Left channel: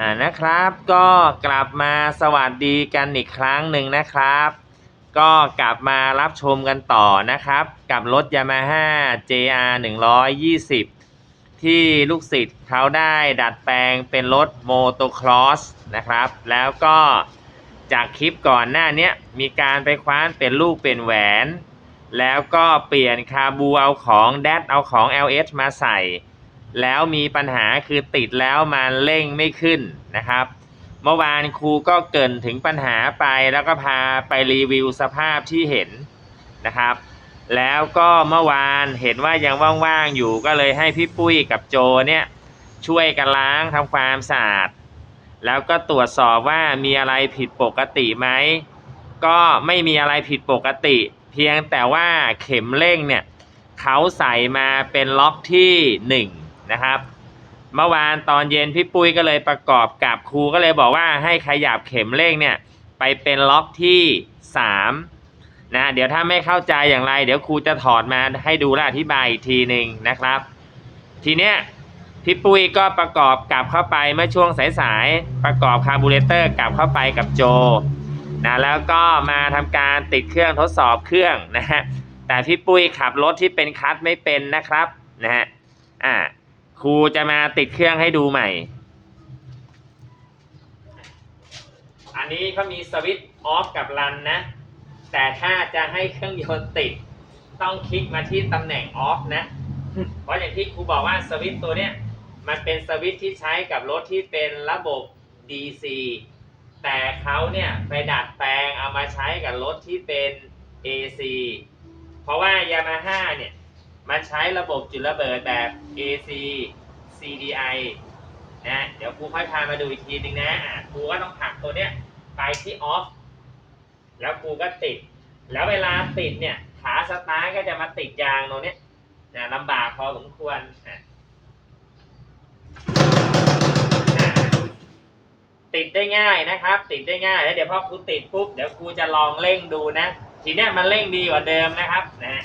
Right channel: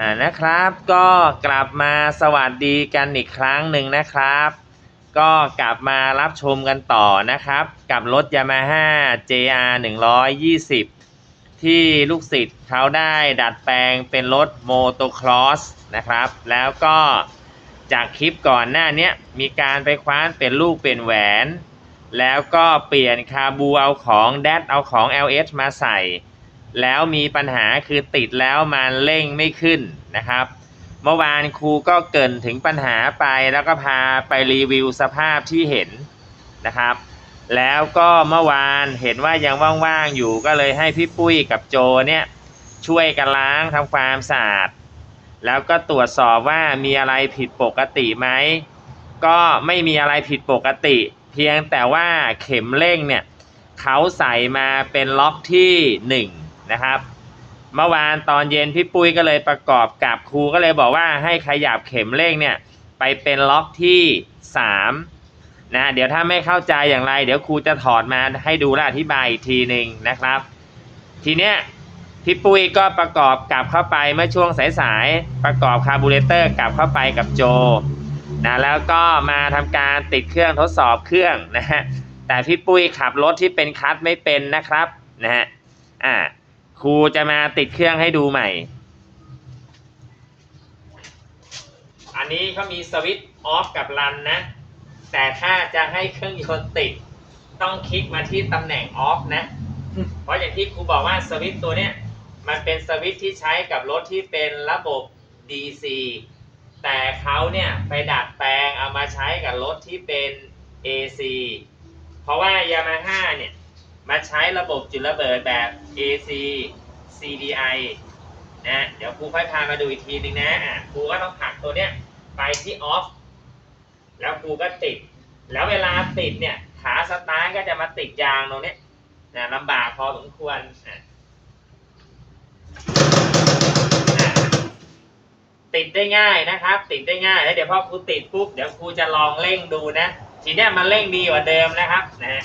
อ่านะครับก็กลับมาสวัสดีกันอีกครั้งหนึ่งนะครับ ก็กลับมารับชมกันต่อนะครับ กับรถ Yamaha JR 120 ที่ลูกศิษย์เขาได้ดัดแปลงเป็นรถโมโตครอสนะครับ แล้วก็จากคลิปก่อนหน้านี้มีการไปคว้านเป็นลูกเป็นแหวน แล้วก็เปลี่ยนคาบูเอาของแดดเอาของ LS มาใส่ แล้วมีปัญหาคือติดแล้วมันเร่งไม่ขึ้นนะครับ เมื่อวานครูก็เกินถึงปัญหาไปแล้วก็พาไปรีวิวสภาพที่เห็นนะครับ แล้วก็เมื่อวานเห็นว่ายังว่างๆอยู่ก็เลยให้พี่ปุ้ยกับโจเนี่ยช่วยกันล้างทำความสะอาดแล้วก็ตรวจสอบว่ามีอะไรผิดปกติไหมก็ไม่มีอะไรผิดปกติ เพียงแต่ว่าเข็มเร่งเนี่ยเขาใส่มาเป็นล็อกที่ห นะครับ เมื่อวานตอนเย็นพี่ปุ้ยก็เลยประกอบกับครูก็เลยบอกว่าให้ขยับเข็มเร่งเนี่ยไปเป็นล็อกที่สามนะ เดี๋ยวถ้าไม่เข้าใจอย่างไร เดี๋ยวครูจะถอดมาให้ดูและอธิบายอีกทีหนึ่งนะครับ ทีเนี้ยพี่ปุ้ยก็ประกอบกลับเข้าไปเมื่อช่วงสายๆประกอบคาร์บูเรเตอร์กลับเข้าไปกับโจนะแล้วก็มาทำการติดเครื่องทดสอบเครื่องนะฮะแต่พี่ปุ้ยขับรถที่เป็นคัสไม่เป็นนะครับนะฮะอ่า ครูจะมาติดเครื่องให้ดูใหม่ อันนี้เขามีสวิตช์ออฟกับรันนะ แต่ถ้าจะให้เครื่องยนต์ติด ต้องคลิกมาที่ตำแหน่งออฟนะ เพราะอย่างที่ครูบอกว่าสวิตช์ตัวเนี้ยมันเป็นสวิตช์ที่ใช้กับรถที่เป็นระบบ DC แต่เขาเนี่ยไปดัดแปลงเอามาใช้กับรถที่เป็น AC เพราะว่า Yamaha เนี่ย มาใช้ระบบจุดระเบิดแบบ AC CDI นะเดี๋ยวครูค่อยพามาดูอีกทีนึงนะะครูก็ต้องผลักตัวเนี้ยไปที่ออฟแล้วครูก็ติด แล้วเวลาติดเนี่ยขาสตาร์ทก็จะมาติดยางตรงเนี้ยนะลำบากพอสมควรติดได้ง่ายนะครับ ติดได้ง่ายแล้วเดี๋ยวพอครูติดปุ๊บเดี๋ยวครูจะลองเร่งดูนะ ทีเนี้ยมันเร่งดีกว่าเดิมนะครับนะ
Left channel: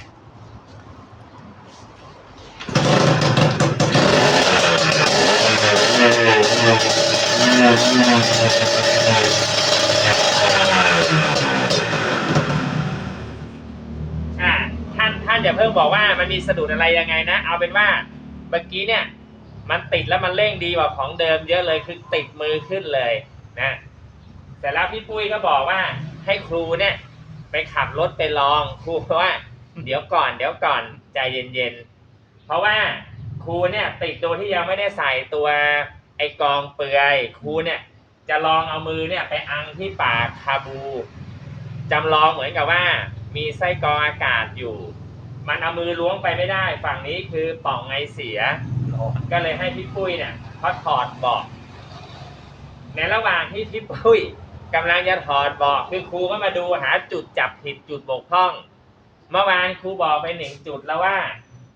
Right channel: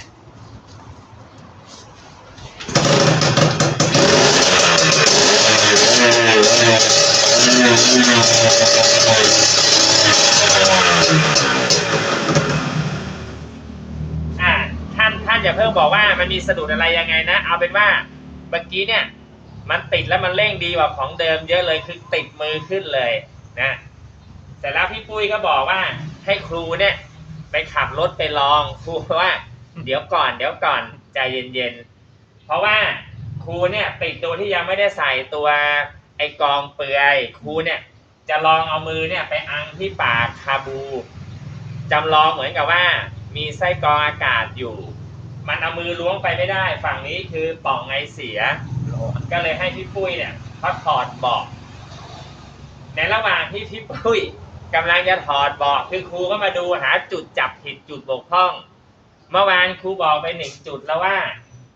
อ่าท่านท่านอย่าเพิ่งบอกว่ามันมีสะดุดอะไรยังไงนะ เอาเป็นว่าเมื่อกี้เนี่ยมันติดแล้วมันเร่งดีกว่าของเดิมเยอะเลยคือติดมือขึ้นเลยนะเสร็จแล้วพี่ปุ้ยก็บอกว่า ให้ครูเนี่ย ไปขับรถไปลองครูว่า เดี๋ยวก่อนเดี๋ยวก่อนใจเย็นๆเพราะว่า ครูเนี่ยติดตัวที่ยังไม่ได้ใส่ตัวไอกองเปลือยครูเนี่ยจะลองเอามือเนี่ยไปอังที่ปากคาบูจำลองเหมือนกับว่ามีไส้กรองอากาศอยู่ มันเอามือล้วงไปไม่ได้ ฝั่งนี้คือป่องไอเสีย ก็เลยให้พี่ปุ้ยเนี่ยเขาถอดบาะในระหว่างที่พี่ปุ้ยกำลังจะถอดบาะคือครูก็มาดูหาจุดจับผิดจุดบกพร่อง เมื่อวานครูบอกไปหนึ่งจุดแล้วว่า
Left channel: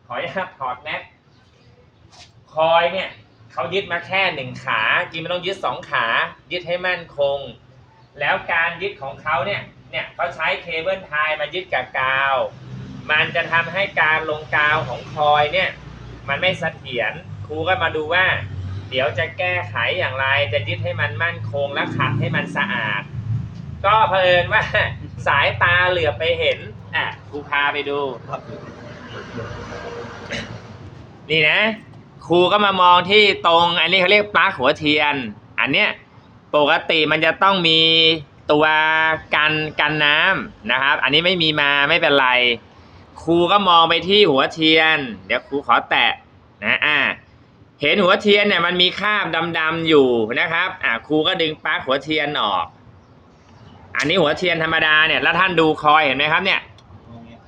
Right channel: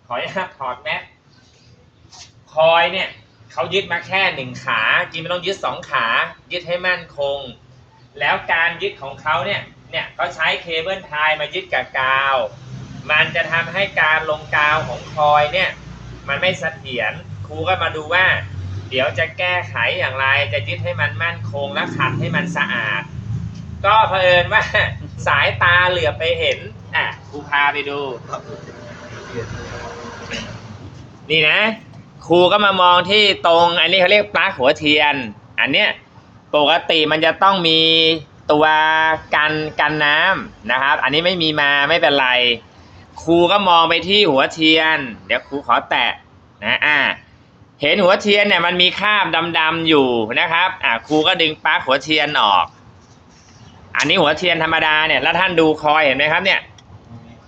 ขออนุญาตถอดแมส คอยเนี่ยเขายึดมาแค่หนึ่งขาจริงมันต้องยึดสองขา ยึดให้มั่นคง แล้วการยึดของเขาเนี่ยเนี่ยเขาใช้เคเบิลไทยมายึดกับกาว มันจะทำให้การลงกาวของคอยเนี่ยมันไม่เสถียรครูก็มาดูว่า เดี๋ยวจะแก้ไขอย่างไรจะยึดให้มันมั่นคงและขัดให้มันสะอาด ก็เผอิญว่าสายตาเหลือไปเห็นอะครูพาไปดู นี่นะ ครูก็มามองที่ตรง อันนี้เขาเรียกปลั๊กหัวเทียน อันเนี้ยปกติมันจะต้องมีตัวกันกันน้ำนะครับ อันนี้ไม่มีมาไม่เป็นไร ครูก็มองไปที่หัวเทียน เดี๋ยวครูขอแตะนะอ่าเห็นหัวเทียนเนี่ยมันมีคราบดำๆอยู่นะครับอ่าครูก็ดึงปลั๊กหัวเทียนออก อันนี้หัวเทียนธรรมดาเนี่ยแล้วท่านดูคอยเห็นไหมครับเนี่ย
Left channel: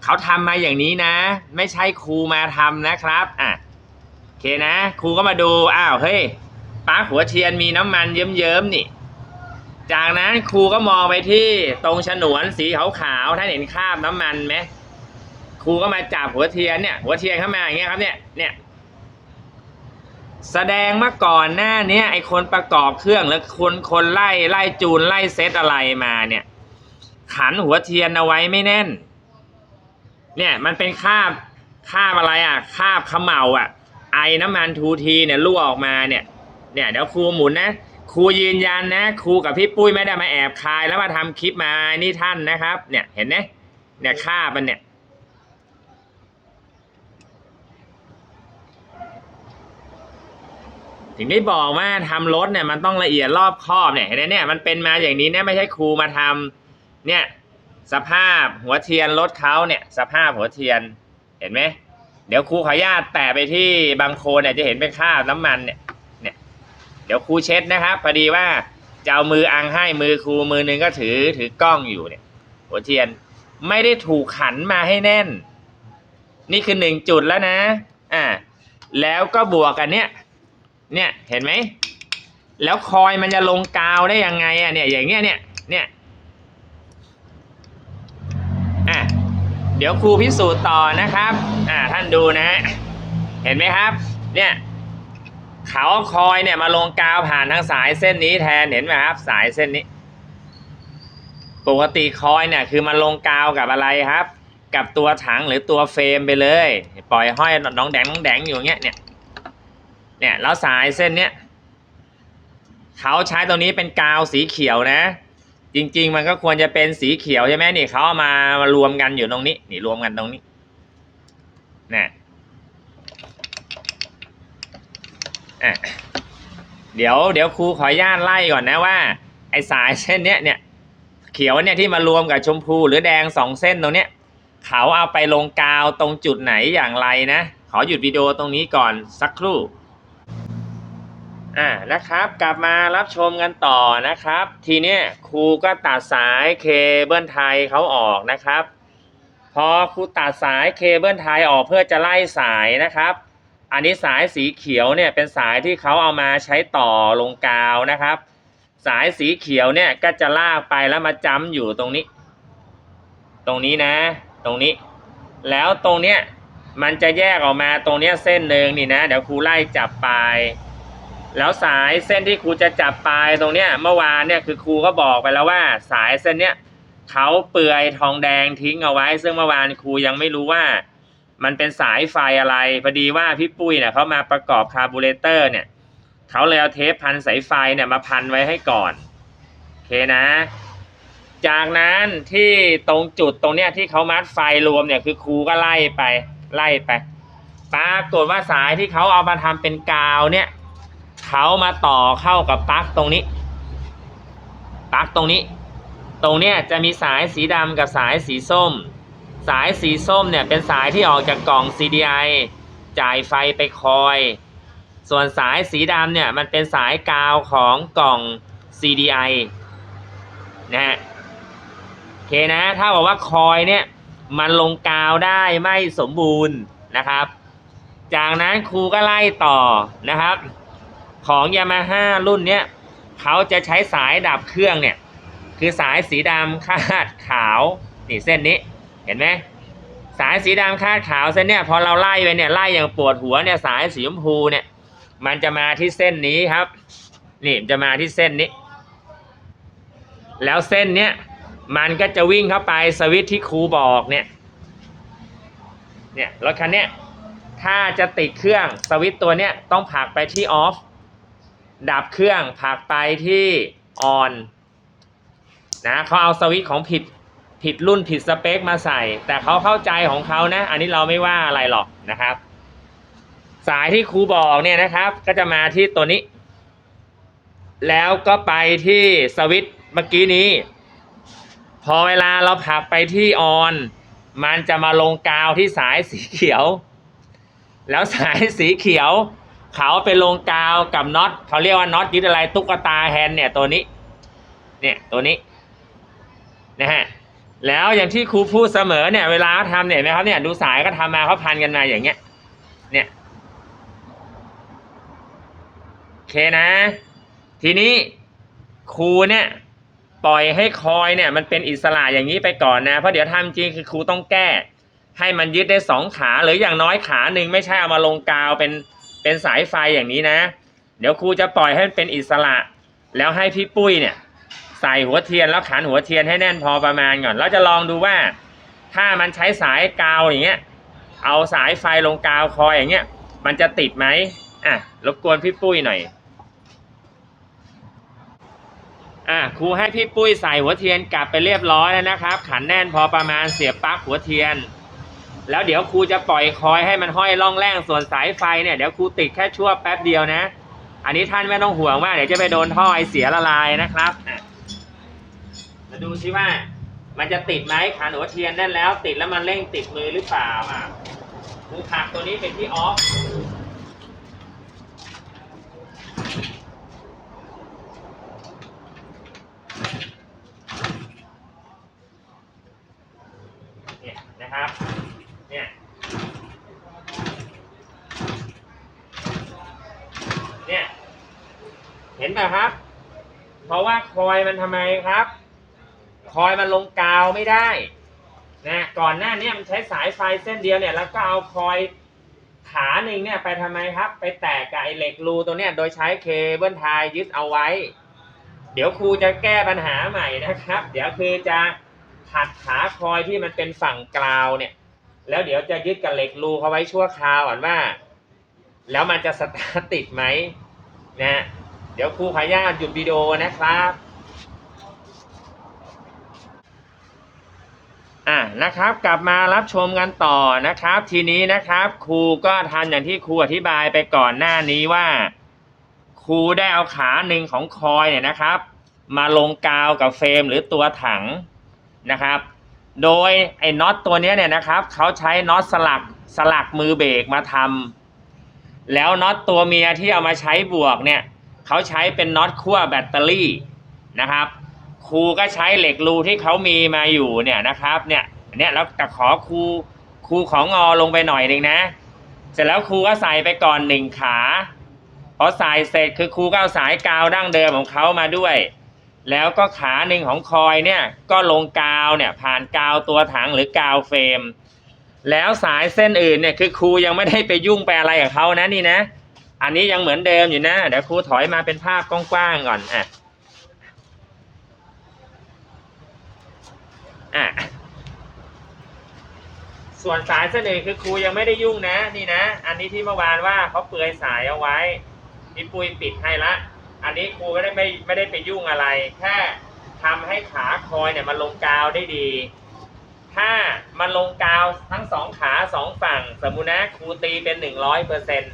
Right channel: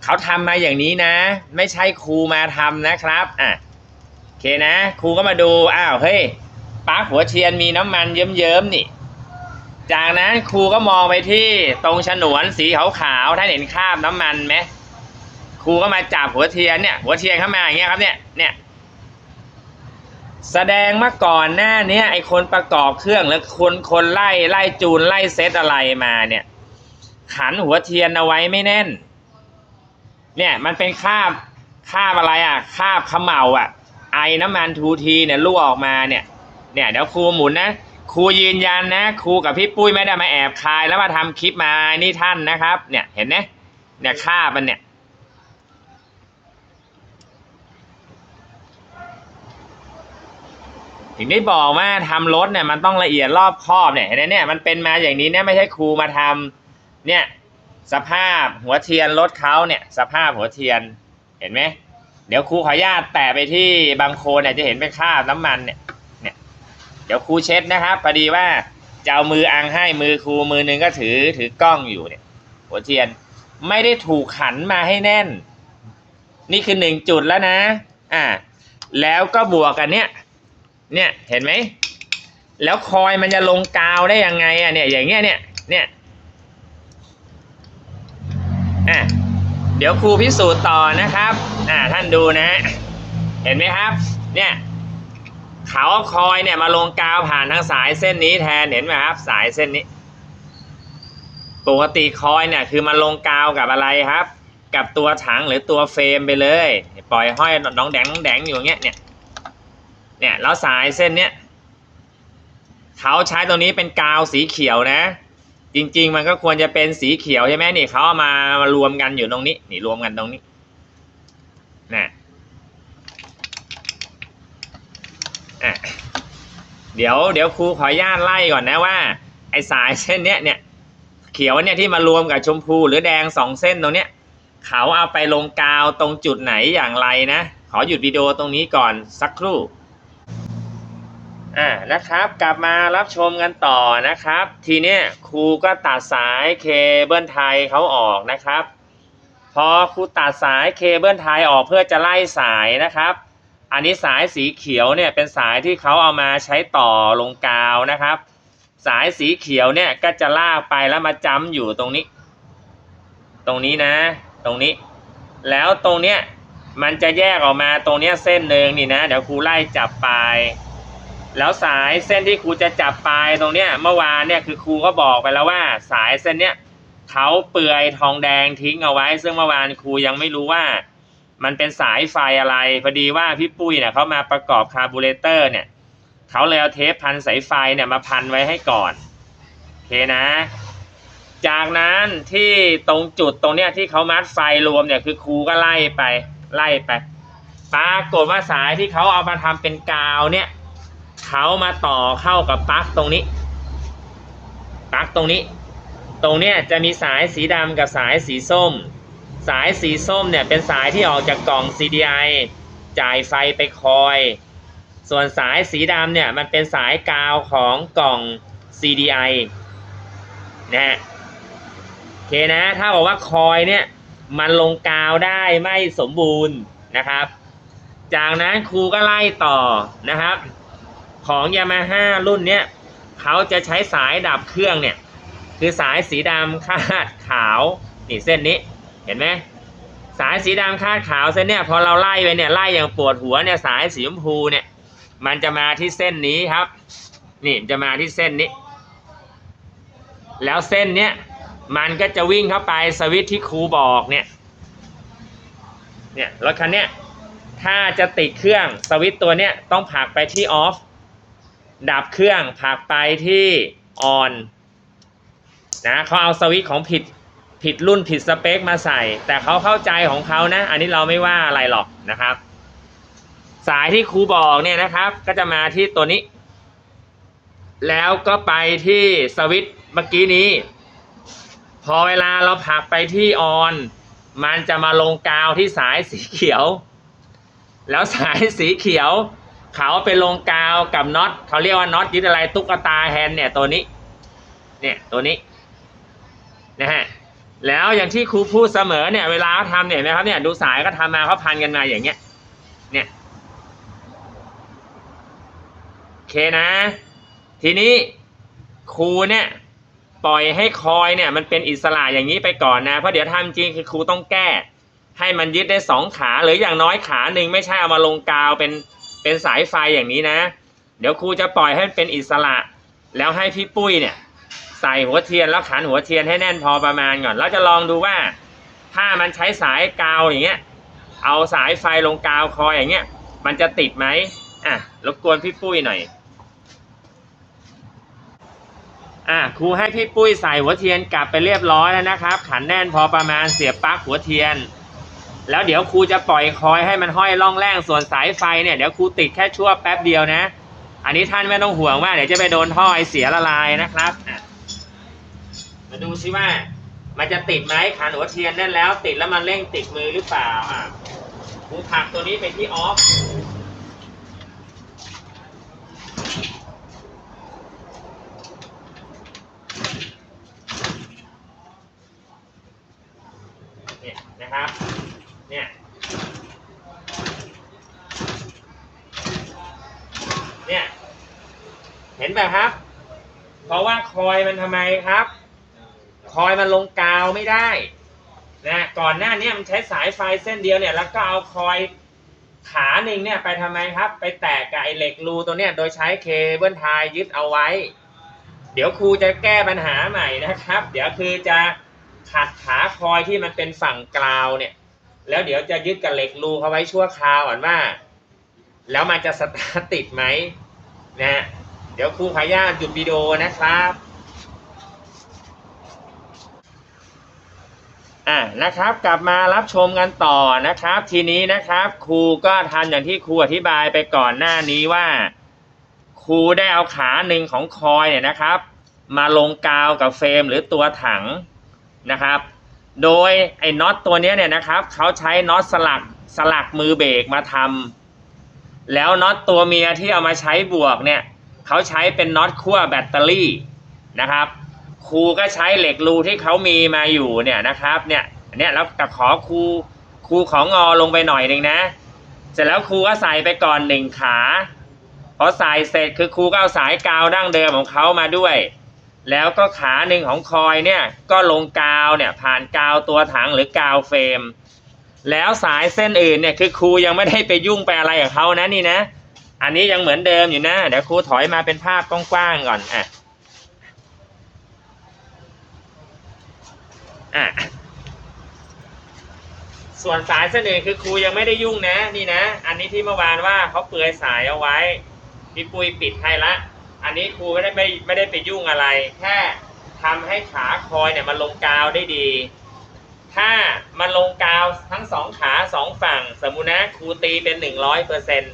เขาทำมาอย่างนี้นะ ไม่ใช่ครูมาทำนะครับอะ เคนะ ครูก็มาดู อ้าว เฮ้ยปลั๊กหัวเทียนมีน้ำมันเยิ้มๆนี่ จากนั้นครูก็มองไปที่ตรงฉนวนสีขาวๆท่านเห็นคราบน้ำมันไหมครูก็มาจับหัวเทียนเนี่ย หัวเทียนเข้ามาอย่างเงี้ยครับเนี่ย เนี่ย แสดงมาก่อนหน้าเนี้ยไอคนประกอบเครื่องแล้วคนคนไล่ไล่จูนไล่เซตอะไรมาเนี่ย ขันหัวเทียนเอาไว้ไม่แน่น เนี่ยมันเป็นคราบคราบอะไรอะคราบขมเหลาอะ ไอน้ำมันทูทีเนี่ยรั่วออกมาเนี่ยเนี่ยเดี๋ยวครูหมุนนะครูยืนยันนะครูกับพี่ปุ้ยไม่ได้มาแอบคายแล้วมาทำคลิปมานี่ท่านนะครับ เนี่ยเห็นไหมเนี่ยค่ามันเนี่ยถึงได้บอกว่าทำรถเนี่ยมันต้องละเอียดรอบคอบเนี่ยเห็นไหมเนี่ยมันเป็นมาอย่างนี้เนี่ยไม่ใช่ครูมาทำเนี่ยสภาพหัวเทียนรถเขาเนี่ย สภาพหัวเทียนเห็นไหม เดี๋ยวครูขออนุญาตแตะไปที่บางโคนเนี่ยจะเห็นเป็นคราบน้ำมันเนี่ยเนี่ย เดี๋ยวครูเช็ดนะครับพอดีว่าจะเอามืออังให้มือครูมือหนึงก็ถือถือกล้องอยู่เนี่ย หัวเทียนไม่ได้ถูกขันมาให้แน่น นี่คือหนึ่งจุดแล้วนะ อ่า แล้วก็บวกกันเนี่ย เนี่ยเห็นไหมแล้วคอยมันจะลงกาวได้ยังไงอะเนี่ยอย่างเงี้ยเนี่ยเนี่ยอะ เดี๋ยวครูพิสูจน์ต่อนะครับ อ่าท่านดูนะ เห็นไหมครับ เนี่ยเขาคอยเนี่ยมาลงกาวผ่านทางสายเส้นนี้แทนเห็นไหมครับ สายเส้นนี้ ปกติคอยเนี่ยคือมันลงกาวกับอะไรครับ กับตัวถังหรือตัวเฟรมไปเลย ปล่อยห้อยน้องแดงน้องแดงอยู่อย่างเงี้ยเนี่ยเนี่ยแล้วสายเส้นเนี้ยเขาใช้ตรงนี้เป็นกาวสีเขียวนะ จริง ๆ มันก็ควรจะเป็นสีเขียวใช่ไหมนี่เขาเอามามารวมกันอยู่ตรงนี้ นี่รวมกันตรงนี้นะอะเดี๋ยวเดี๋ยวครูขออนุญาตไล่ก่อนนะว่า ไอ้สายเส้นเนี้ยเนี่ยเขียวเนี่ยที่มารวมกับชมพูหรือแดงสองเส้นตรงเนี้ยเขาเอาไปลงกาวตรงจุดไหนอย่างไรนะ ขอหยุดวิดีโอตรงนี้ก่อนสักครู่ อ่านะครับกลับมารับชมกันต่อนะครับ ทีเนี้ยครูก็ตัดสายเคเบิลไทยเขาออกนะครับ พอครูตัดสายเคเบิลไทยออกเพื่อจะไล่สายนะครับ อันนี้สายสีเขียวเนี่ยเป็นสายที่เขาเอามาใช้ต่อลงกาวนะครับ สายสีเขียวเนี่ยก็จะลากไปแล้วมาจ้ำอยู่ตรงนี้ ตรงนี้นะ ตรงนี้ แล้วตรงเนี้ยมันจะแยกออกมาตรงเนี้ยเส้นหนึ่งนี่นะ เดี๋ยวครูไล่จับไป แล้วสายเส้นที่ครูจะจับปลายตรงเนี้ยเมื่อวานเนี่ยคือครูก็บอกไปแล้วว่า สายเส้นเนี้ยเขาเปลือยทองแดงทิ้งเอาไว้ ซึ่งเมื่อวานครูยังไม่รู้ว่า มันเป็นสายไฟอะไรพอดีว่าพี่ปุ้ยเนี่ยเขามาประกอบคาร์บูเรเตอร์เนี่ยเขาเลยเอาเทปพันสายไฟเนี่ยมาพันไว้ให้ก่อนโอเคนะ จากนั้นที่ตรงจุดตรงเนี้ยที่เขามัดไฟรวมเนี่ยคือครูก็ไล่ไปไล่ไปปรากฏว่าสายที่เขาเอามาทำเป็นกาวเนี่ย เขามาต่อเข้ากับปลั๊กตรงนี้ปลั๊กตรงนี้ ตรงเนี้ยจะมีสายสีดำกับสายสีส้ม สายสีส้มเนี่ยเป็นสายที่ออกจากกล่อง CDI จ่ายไฟไปคอย ส่วนสายสีดำเนี่ยมันเป็นสายกาวของกล่อง CDI นะฮะโอเคนะ ถ้าบอกว่าคอยเนี่ยมันลงกาวได้ไม่สมบูรณ์นะครับ จากนั้นครูก็ไล่ต่อนะครับ ของ Yamaha รุ่นเนี้ยเขาจะใช้สายดับเครื่องเนี่ย คือสายสีดำคาดขาว นี่เส้นนี้ เห็นไหมสายสีดำคาดขาวเส้นเนี่ยพอเราไล่ไปเนี่ยไล่อย่างปวดหัวเนี่ยสายสีชมพูเนี่ย มันจะมาที่เส้นนี้ครับ นี่จะมาที่เส้นนี้ แล้วเส้นเนี้ยมันก็จะวิ่งเข้าไปสวิตช์ที่ครูบอกเนี่ย เนี่ยรถคันเนี้ยถ้าจะติดเครื่องสวิตช์ตัวเนี้ยต้องผลักไปที่ออฟ ดับเครื่องผักไปที่ออนนะเขาเอาสวิตช์ของผิดผิดรุ่นผิดสเปคมาใส่ แต่เขาเข้าใจของเขานะ อันนี้เราไม่ว่าอะไรหรอกนะครับ สายที่ครูบอกเนี่ยนะครับ ก็จะมาที่ตัวนี้ แล้วก็ไปที่สวิตช์เมื่อกี้นี้ พอเวลาเราผักไปที่ออน มันจะมาลงกาวที่สายสีเขียว แล้วสายสีเขียว เขาไปลงกาวกับน็อตเขาเรียกว่าน็อตยึดอะไรตุ๊กตาแฮนด์เนี่ยตัวนี้ เนี่ยตัวนี้นะฮะแล้วอย่างที่ครูพูดเสมอเนี่ยเวลาเขาทำเนี่ยนไหมครับเนี่ยดูสายก็ทำมาเขาพันกันมาอย่างเงี้ย เนี่ยโอเคนะ ทีนี้ครูเนี่ยปล่อยให้คอยเนี่ยมันเป็นอิสระอย่างนี้ไปก่อนนะเพราะเดี๋ยวทำจริงคือครูต้องแก้ ให้มันยึดได้สองขาหรืออย่างน้อยขาหนึ่งไม่ใช่เอามาลงกาวเป็น เป็นสายไฟอย่างนี้นะ เดี๋ยวครูจะปล่อยให้มันเป็นอิสระ แล้วให้พี่ปุ้ยเนี่ย ใส่หัวเทียนแล้วขันหัวเทียนให้แน่นพอประมาณก่อนแล้วจะลองดูว่า ถ้ามันใช้สายกาวอย่างเงี้ย เอาสายไฟลงกาวคอยอย่างเงี้ย มันจะติดไหมอะรบกวนพี่ปุ้ยหน่อยอะครูให้พี่ปุ้ยใส่หัวเทียนกลับไปเรียบร้อยแล้วนะครับ ขันแน่นพอประมาณเสียบปลั๊กหัวเทียน แล้วเดี๋ยวครูจะปล่อยคอยให้มันห้อยล่องแรงส่วนสายไฟเนี่ยเดี๋ยวครูติดแค่ชั่วแป๊บเดียวนะ อันนี้ท่านไม่ต้องห่วงว่าเดี๋ยวจะไปโดนท่อไอเสียละลายนะครับมาดูซิว่า มันจะติดไหมขันหัวเทียนแน่นแล้ว ติดแล้วมันเร่งติดมือหรือเปล่าอะครูผักตัวนี้ไปที่ออฟ เนี่ยนะครับ เนี่ย เนี่ย เห็นไหมครับ เพราะว่า คอยมันทำไมครับ คอยมันลงกาวไม่ได้นะก่อนหน้านี้มันใช้สายไฟเส้นเดียวเนี่ยแล้วก็เอาคอยขาหนึ่งเนี่ยไปทำไมครับ ไปแตกกับไอเหล็กรูตัวเนี้ยโดยใช้เคเบิลไทยยึดเอาไว้ เดี๋ยวครูจะแก้ปัญหาใหม่นะครับ เดี๋ยวคือจะขัดขาคอยที่มันเป็นฝั่งกราวเนี่ย แล้วเดี๋ยวจะยึดกับเหล็กรูเขาไว้ชั่วคราวก่อนว่า แล้วมันจะสตาร์ติดไหมนะเดี๋ยวครูขออนุญาหยุดวิดีโอนะครับ อะนะครับกลับมารับชมกันต่อนะครับ ทีนี้นะครับครูก็ทำอย่างที่ครูอธิบายไปก่อนหน้านี้ว่า ครูได้เอาขาหนึ่งของคอยเนี่ยนะครับ มาลงกาวกับเฟรมหรือตัวถังนะครับ โดยไอ้น็อตตัวนี้เนี่ยนะครับเขาใช้น็อตสลักสลักมือเบรกมาทำแล้วน็อตตัวเมียที่เอามาใช้บวกเนี่ยเขาใช้เป็นน็อตขั้วแบตเตอรี่นะครับ ครูก็ใช้เหล็กรูที่เขามีมาอยู่เนี่ยนะครับเนี่ยเนี่ยแล้วแต่ขอครูครูของงอลงไปหน่อยหนึ่งนะ เสร็จแล้วครูก็ใส่ไปก่อนหนึ่งขาพอใส่เสร็จคือครูก็เอาสายกาวดั้งเดิมของเขามาด้วย แล้วก็ขาหนึ่งของคอยเนี่ยก็ลงกาวเนี่ยผ่านกาวตัวถังหรือกาวเฟรม แล้วสายเส้นอื่นเนี่ยคือครูยังไม่ได้ไปยุ่งไปอะไรกับเขานะนี่นะ อันนี้ยังเหมือนเดิมอยู่นะเดี๋ยวครูถอยมาเป็นภาพกว้างๆก่อนอะ อะส่วนสายเสนอื่นคือครูยังไม่ได้ยุ่งนะ นี่นะ อันนี้ที่เมื่อวานว่าเขาเปลือยสายเอาไว้พี่ปุ้ยปิดให้ละ อันนี้ครูไม่ได้ไม่ไม่ได้ไปยุ่งอะไร แค่ทำให้ขาคอยเนี่ยมันลงกาวได้ดี ถ้ามันลงกาวทั้งสองขาสองฝั่ง สมมุตินะครูตีเป็นหนึ่งร้อยเปอร์เซ็นต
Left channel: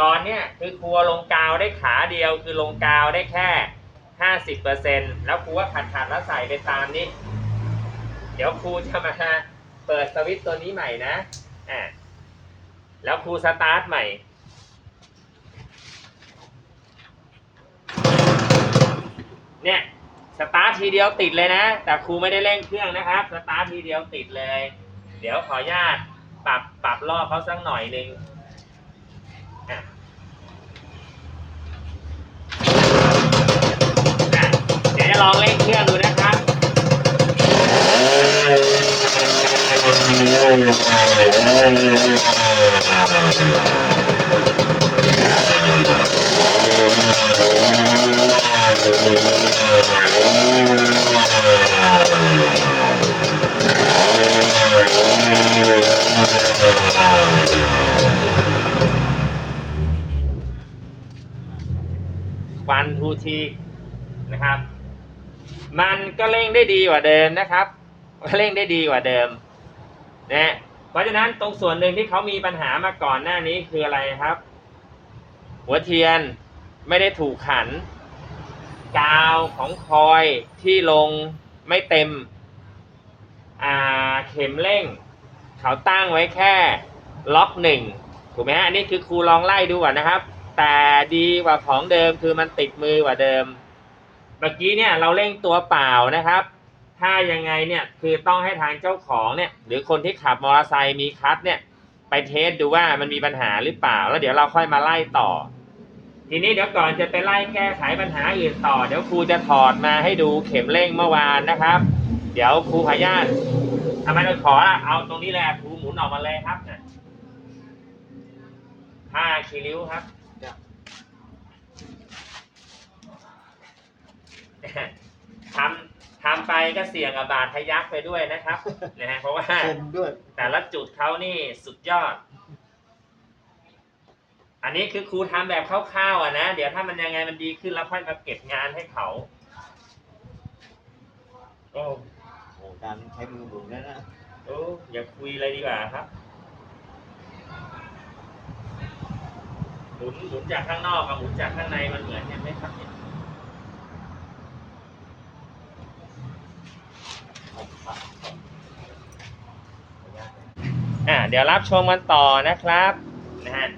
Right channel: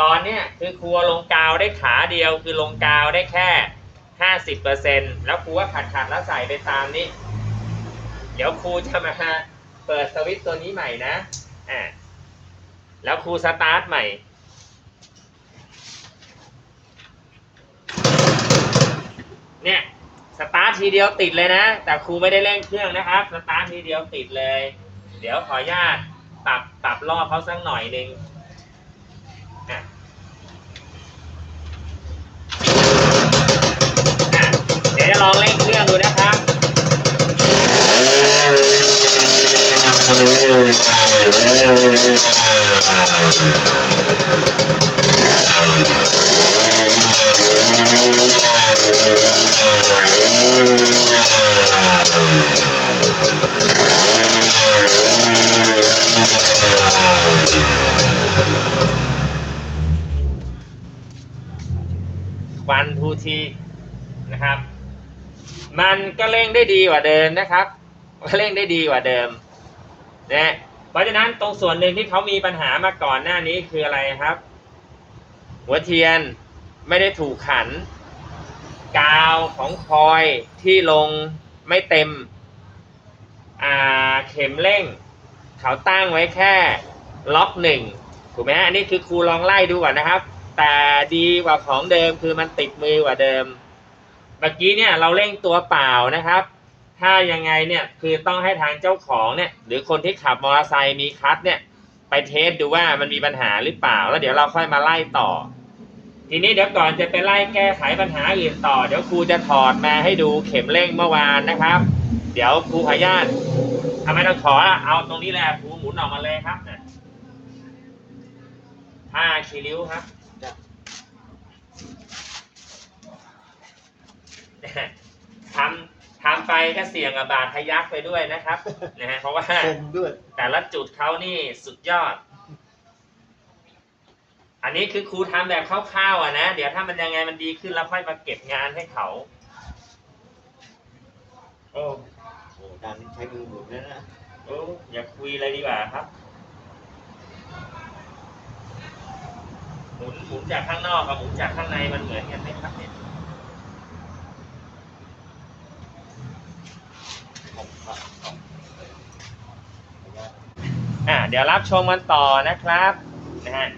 ตอนเนี้ยคือครูลงกาวได้ขาเดียวคือลงกาวได้แค่ห้าสิบเปอร์เซ็นแล้วครูก็ขัดขัดแล้วใส่ไปตามนี้ เดี๋ยวครูจะมาเปิดสวิตตัวนี้ใหม่นะอ่าแล้วครูสตาร์ทใหม่ เนี่ยสตาร์ททีเดียวติดเลยนะ แต่ครูไม่ได้เร่งเครื่องนะครับสตาร์ททีเดียวติดเลย เดี๋ยวขออนุญาตปรับปรับรอบเขาสักหน่อยหนึ่งเดี๋ยวจะลองเร่งเครื่องดูนะ ครับวันทูทีนะครับ มันก็เร่งได้ดีกว่าเดิมนะครับเร่งได้ดีกว่าเดิมนะเพราะฉะนั้นตรงส่วนหนึ่งที่เขามีปัญหามาก่อนหน้านี้คืออะไรครับ หัวเทียนไม่ได้ถูกขัน กาวของคอยที่ลงไม่เต็มอาเข็มเร่ง เขาตั้งไว้แค่ล็อกหนึ่งถูกไหมฮะอันนี้คือครูลองไล่ดูก่อนนะครับ แต่ดีกว่าของเดิมคือมันติดมือกว่าเดิม เมื่อกี้เนี่ยเราเร่งตัวเปล่านะครับ ถ้ายังไงเนี่ยคือต้องให้ทางเจ้าของเนี่ยหรือคนที่ขับมอเตอร์ไซค์มีคัทเนี่ยไปเทสดูว่ามันมีปัญหาหรือเปล่า แล้วเดี๋ยวเราค่อยมาไล่ต่อ ทีนี้เดี๋ยวก่อนจะไปไล่แก้ไขปัญหาอื่นต่อ เดี๋ยวครูจะถอดมาให้ดูเข็มเร่งเมื่อวานนะครับ เดี๋ยวครูขออนุญาตทำไมต้องขอละเอาตรงนี้แหละครูหมุนออกมาเลยครับนะห้าคีริ้วครับ ทำทำไปก็เสี่ยงกับบาดทะยักไปด้วยนะครับนะฮะเพราะว่าคมด้วยแต่ละจุดเขานี่สุดยอด อันนี้คือครูทำแบบคร่าวๆอะนะ เดี๋ยวถ้ามันยังไงมันดีขึ้นแล้วค่อยมาเก็บงานให้เขาโอ้โอ้การใช้มือหมุนแล้วนะโอ้อย่าคุยเลยดีกว่าครับ มุนหมุนจากข้างนอกกับหมุนจากข้างในมันเหมือนกันไหมครับเนี่ยอ่าเดี๋ยวรับชมกันต่อนะครับนะฮะ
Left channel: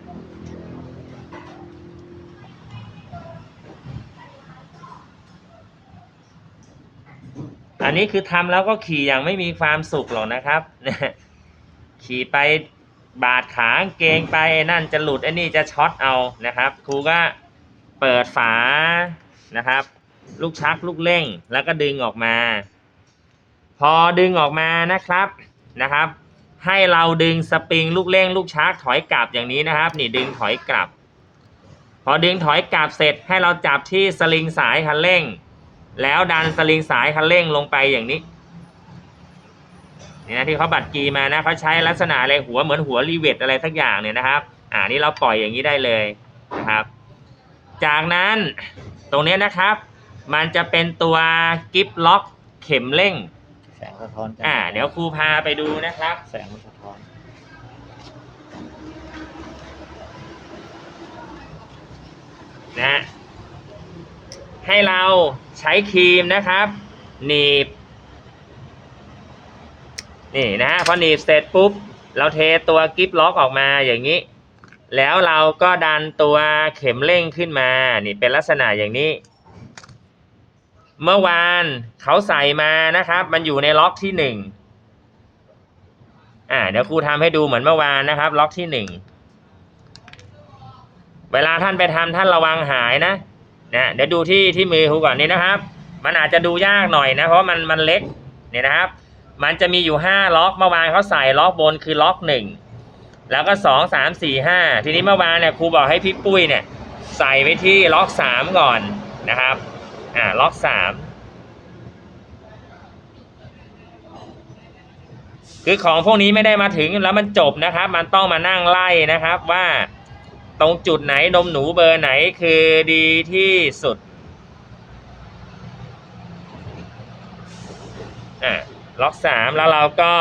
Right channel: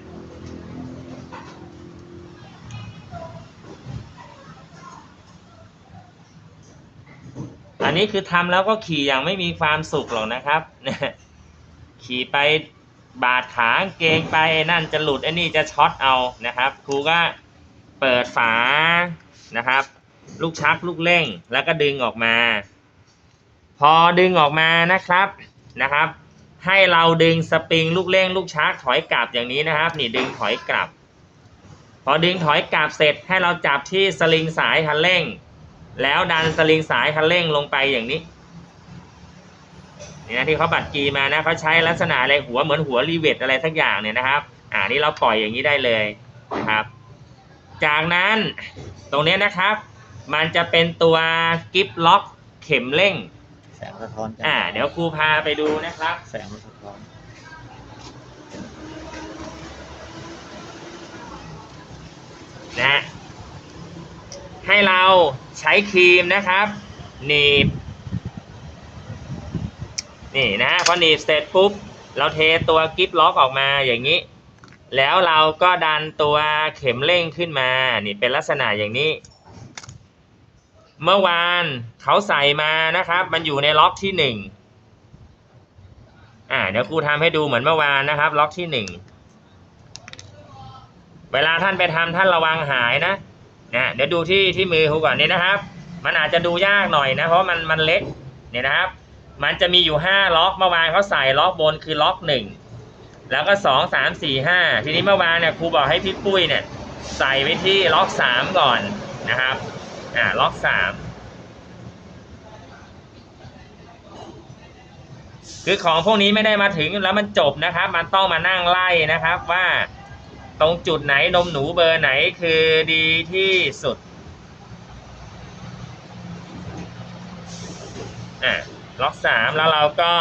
อันนี้คือทำแล้วก็ขี่อย่างไม่มีความสุขหรอกนะครับขี่ไป บาดขากางเกงไปนั่นจะหลุดไอ้นี่จะช็อตเอานะครับ ครูก็เปิดฝานะครับ ลูกชักลูกเร่งแล้วก็ดึงออกมา พอดึงออกมานะครับนะครับ ให้เราดึงสปริงลูกเร่งลูกชักถอยกลับอย่างนี้นะครับ นี่ดึงถอยกลับ พอดึงถอยกลับเสร็จให้เราจับที่สลิงสายคันเร่ง แล้วดันสลิงสายคันเร่งลงไปอย่างนี้ เนี่ยที่เขาบัดกีมานะเขาใช้ลักษณะอะไรหัวเหมือนหัวรีเวทอะไรสักอย่างเนี่ยนะครับ อ่านี่เราปล่อยอย่างนี้ได้เลยนะครับ จากนั้นตรงนี้นะครับ มันจะเป็นตัวกิฟล็อกเข็มเร่ง แสงสะท้อนจังอ่า เดี๋ยวครูพาไปดูนะครับ แสงมันสะท้อนนะฮะให้เราใช้ครีมนะครับหนีบ นี่นะฮะพอหนีบเสร็จปุ๊บ เราเทตัวกิฟล็อกออกมาอย่างนี้ แล้วเราก็ดันตัวเข็มเร่งขึ้นมา นี่เป็นลักษณะอย่างนี้ เมื่อวานเขาใส่มานะครับ มันอยู่ในล็อกที่หนึ่งอ่าเดี๋ยวครูทำให้ดูเหมือนเมื่อวานนะครับ ล็อกที่หนึ่งเวลาท่านไปทำท่านระวังหายนะนะเดี๋ยวดูที่ที่มือครูก่อนนี่นะครับ มันอาจจะดูยากหน่อยนะ เพราะมันมันเล็กเนี่ยนะครับ มันจะมีอยู่ห้าล็อกเมื่อวานเขาใส่ล็อกบนคือล็อกหนึ่งแล้วก็สองสามสี่ห้าทีนี้เมื่อวานเนี่ยครูบอกให้พี่ปุ้ยเนี่ย ใส่ไปที่ล็อกสามก่อนนะครับ อ่าล็อกสามคือของพวกนี้ไม่ได้มาถึงแล้วมันจบนะครับ มันต้องมานั่งไล่นะครับว่าตรงจุดไหนนมหนูเบอร์ไหนคือดีที่สุดอะ ล็อกสามแล้วเราก็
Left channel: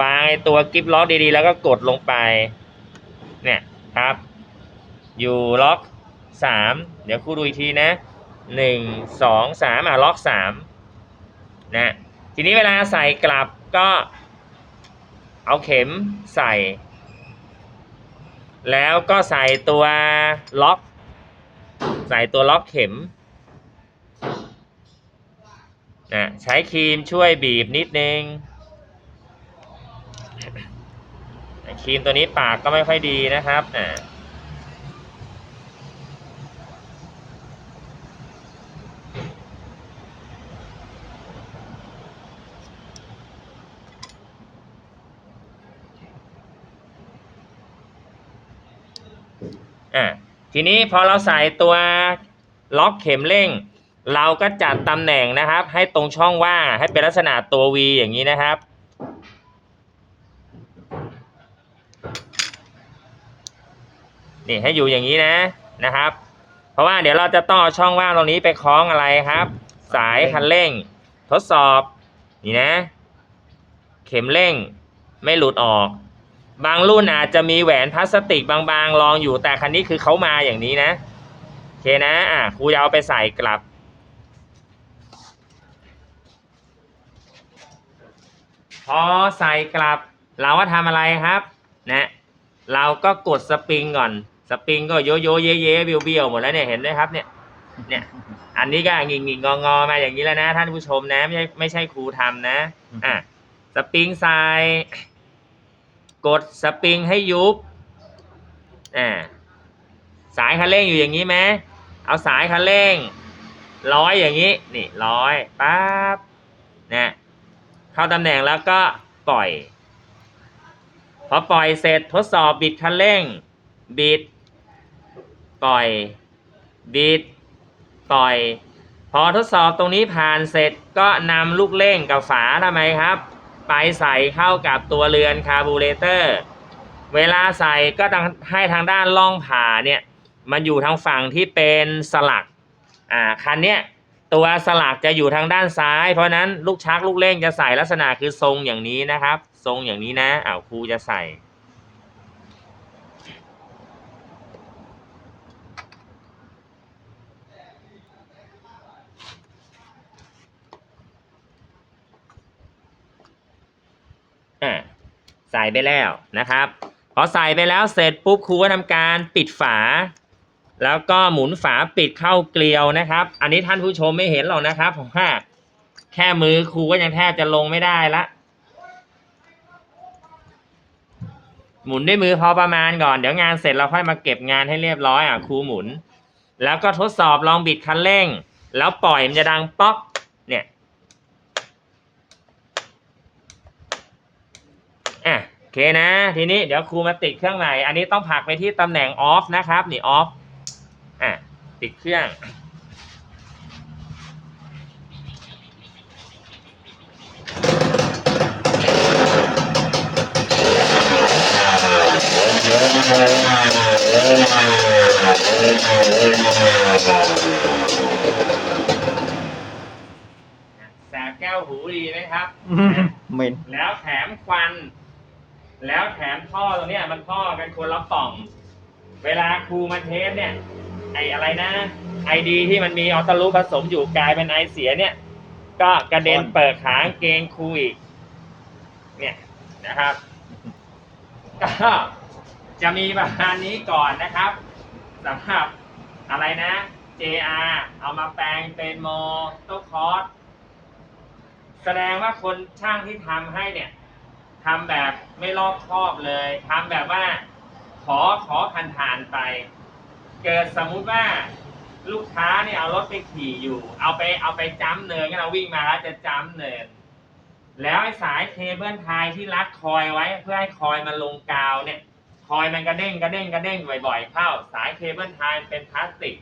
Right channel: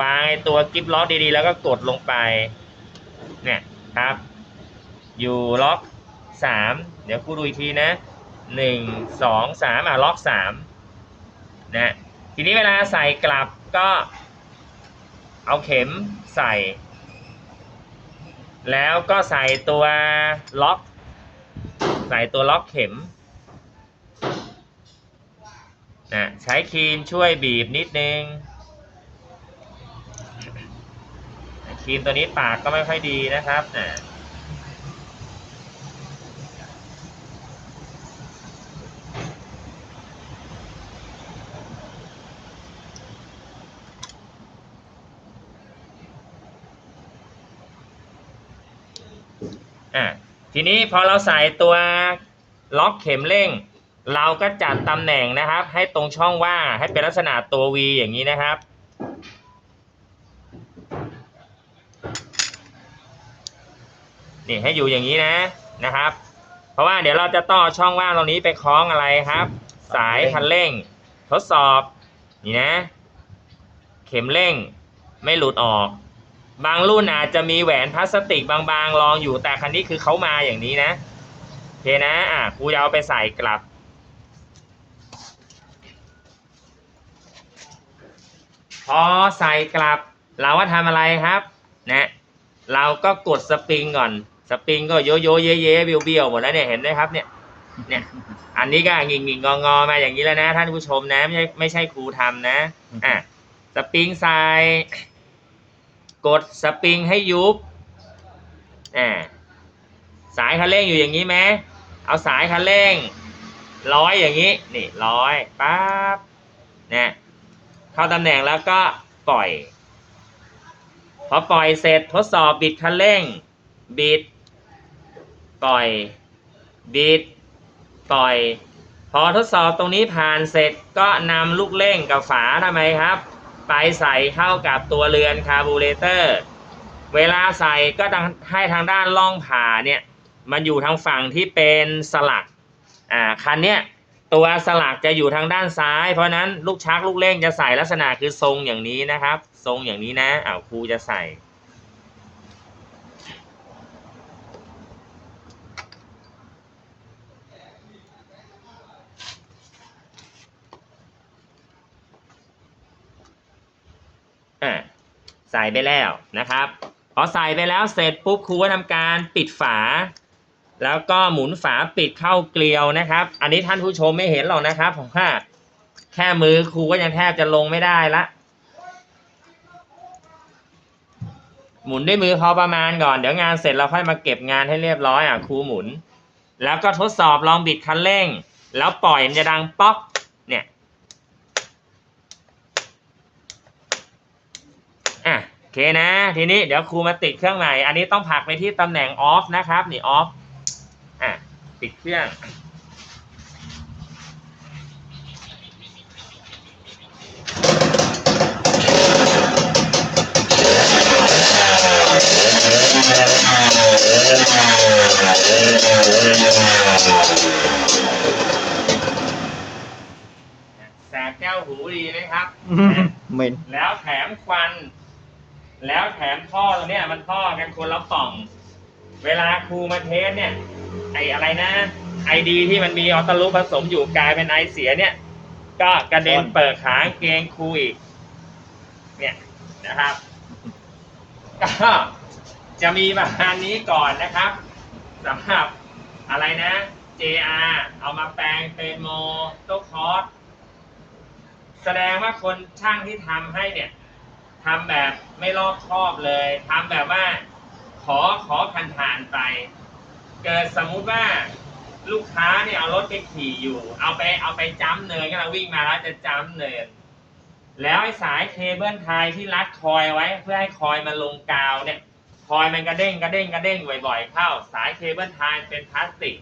วางตัวกิฟล็อกดีๆ แล้วก็กดลงไป เนี่ยครับ อยู่ล็อกสามเดี๋ยวครูดูอีกทีนะหนึ่งสองสามอะล็อกสามนะทีนี้เวลาใส่กลับก็เอาเข็มใส่ แล้วก็ใส่ตัวล็อก ใส่ตัวล็อกเข็ม นะใช้ครีมช่วยบีบนิดนึงครีมตัวนี้ปากก็ไม่ค่อยดีนะครับอ่าอะทีนี้พอเราใส่ตัวล็อกเข็มเร่ง เราก็จัดตำแหน่งนะครับ ให้ตรงช่องว่างให้เป็นลักษณะตัว V อย่างนี้นะครับ นี่ให้อยู่อย่างนี้นะนะครับ เพราะว่าเดี๋ยวเราจะต้องเอาช่องว่างตรงนี้ไปคล้องอะไรครับ สายคันเร่ง ทดสอบนี่นะ เข็มเร่งไม่หลุดออก บางรุ่นอาจจะมีแหวนพลาสติกบางๆรองอยู่แต่คันนี้คือเขามาอย่างนี้นะโอเคนะอะครูจะเอาไปใส่กลับ พอใส่กลับ เราว่าทำอะไรครับนะเราก็กดสปริงก่อน สปริงก็โยโยเยเยเบี้ยวเบี้ยวหมดแล้วเนี่ยเห็นไหมครับเนี่ยเนี่ยอันนี้ก็งิงงิงงองอมาอย่างนี้แล้วนะ ท่านผู้ชมนะไม่ใช่ไม่ใช่ครูทำนะอะสปริงใส่กดสปริงให้ยุบอ่าสายคันเร่งอยู่อย่างนี้ไหมเอาสายคันเร่งร้อยอย่างนี้ นี่ร้อยปั๊บเนี่ย เข้าตำแหน่งแล้วก็ปล่อย พอปล่อยเสร็จทดสอบบิดคันเร่ง บิด ปล่อย บิด ปล่อย พอทดสอบตรงนี้ผ่านเสร็จก็นำลูกเร่งกับฝาทำไมครับ ไปใส่เข้ากับตัวเรือนคาร์บูเรเตอร์ เวลาใส่ก็ต้องให้ทางด้านล่องผ่าเนี่ยมันอยู่ทางฝั่งที่เป็นสลัก อ่า คันเนี้ย ตัวสลักจะอยู่ทางด้านซ้าย เพราะนั้นลูกชักลูกเล่งจะใส่ลักษณะคือทรงอย่างนี้นะครับ ทรงอย่างนี้นะอ้าวครูจะใส่อ่าใส่ไปแล้วนะครับ พอใส่ไปแล้วเสร็จปุ๊บครูก็ทำการปิดฝา แล้วก็หมุนฝาปิดเข้าเกลียวนะครับ อันนี้ท่านผู้ชมไม่เห็นหรอกนะครับผมว่าแค่มือครูก็ยังแทบจะลงไม่ได้ละหมุนด้วยมือพอประมาณก่อนเดี๋ยวงานเสร็จเราค่อยมาเก็บงานให้เรียบร้อยอะครูหมุน แล้วก็ทดสอบลองบิดคันเร่ง แล้วปล่อยมันจะดังป๊อกเนี่ยอะโอเคนะ ทีนี้เดี๋ยวครูมาติดเครื่องใหม่อันนี้ต้องผลักไปที่ตำแหน่งออฟนะครับนี่ออฟ อะติดเครื่อง แสบแก้วหูดีไหมครับ เหม็น แล้วแถมควัน แล้วแถมท่อตรงเนี้ยมันท่อกันคนละป่อง เวลาครูมาเทสเนี่ย ไออะไรนะไอดีที่มันมีออตาลูผสมอยู่กลายเป็นไอเสียเนี่ย ก็กระเด็นเปิดขากางเกงครูอีก เนี่ยนะครับ ก็จะมีประมาณนี้ก่อนนะครับสำหรับอะไรนะ JR เอามาแปลงเป็นโมโตคอร์สแสดงว่าคนช่างที่ทำให้เนี่ยทำแบบไม่รอบคอบเลยทำแบบว่า ขอขอผ่านผ่านๆไป เกิดสมมุติว่าลูกค้าเนี่ยเอารถไปขี่อยู่ เอาไปเอาไปจ้ำเนินก็เราวิ่งมาแล้วจะจ้ำเนิน แล้วไอ้สายเคเบิลไทยที่รัดคอยไว้ เพื่อให้คอยมันลงกาวเนี่ย คอยมันกระเด้งกระเด้งกระเด้งบ่อยๆเข้า สายเคเบิลไทยเป็นพลาสติก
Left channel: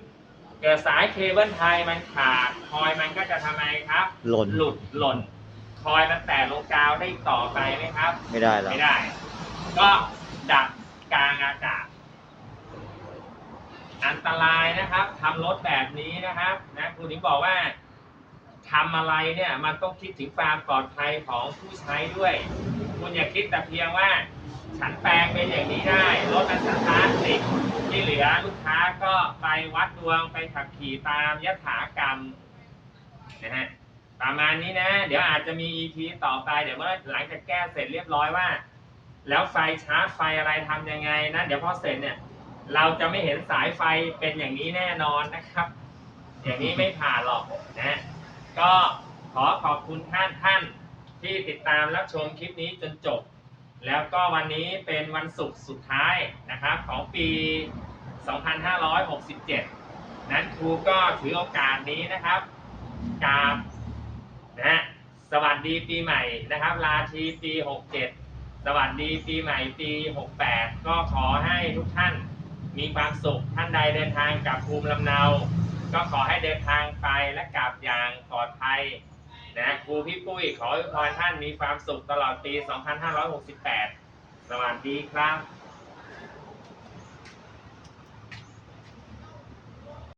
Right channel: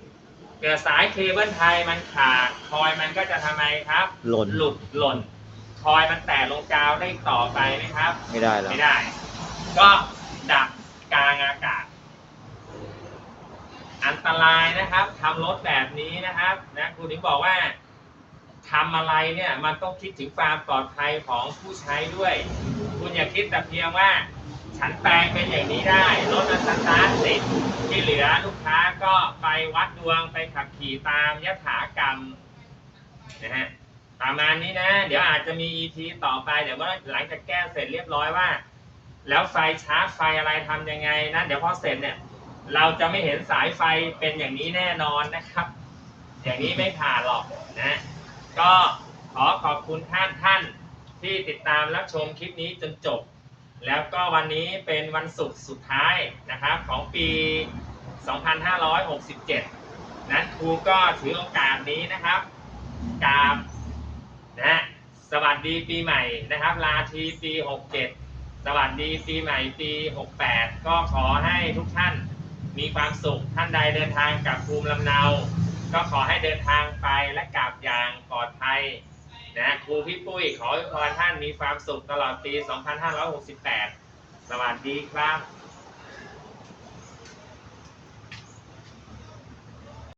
เกิดสายเคเบิลไทยมันขาด คอยมันก็จะทำไมครับ หล่นหลุดหล่น คอยมันแตกลงกาวได้ต่อไปไหมครับ ไม่ได้แล้วไม่ได้ ก็ดับ กลางอากาศ อันตรายนะครับทำรถแบบนี้นะครับนะครูถึงบอกว่าทำอะไรเนี่ยมันต้องคิดถึงความปลอดภัยของผู้ใช้ด้วย คุณอย่าคิดแต่เพียงว่า ฉันแปลงเป็นอย่างนี้ได้รถมันสตาร์ทติดที่เหลือลูกค้าก็ไปวัดดวงไปขับขี่ตามยถากรรมนะฮะประมาณนี้นะ เดี๋ยวอาจจะมี EP ต่อไป เดี๋ยวเมื่อหลังจากแก้เสร็จเรียบร้อยว่า แล้วไฟชาร์จไฟอะไรทำยังไงนะเดี๋ยวพอเสร็จเนี่ย เราจะไม่เห็นสายไฟเป็นอย่างนี้แน่นอนนะครับ อย่างนี้ไม่ผ่านหรอกนะก็ขอขอบคุณท่านท่านที่ติดตามรับชมคลิปนี้จนจบ แล้วก็วันนี้เป็นวันศุกร์สุดท้ายนะครับของปี 2567 นั้นครูก็ถือโอกาสนี้นะครับกราบนะสวัสดีปีใหม่นะครับลาทีปี 67 สวัสดีปีใหม่ปี 68 ก็ขอให้ทุกท่านมีความสุขท่านใดเดินทางกลับภูมิลำเนา ก็ขอให้เดินทางไปและกลับอย่างปลอดภัยนะครูพี่ปุ้ยขอให้พรท่านมีความสุขตลอดปี 2568 สวัสดีครับ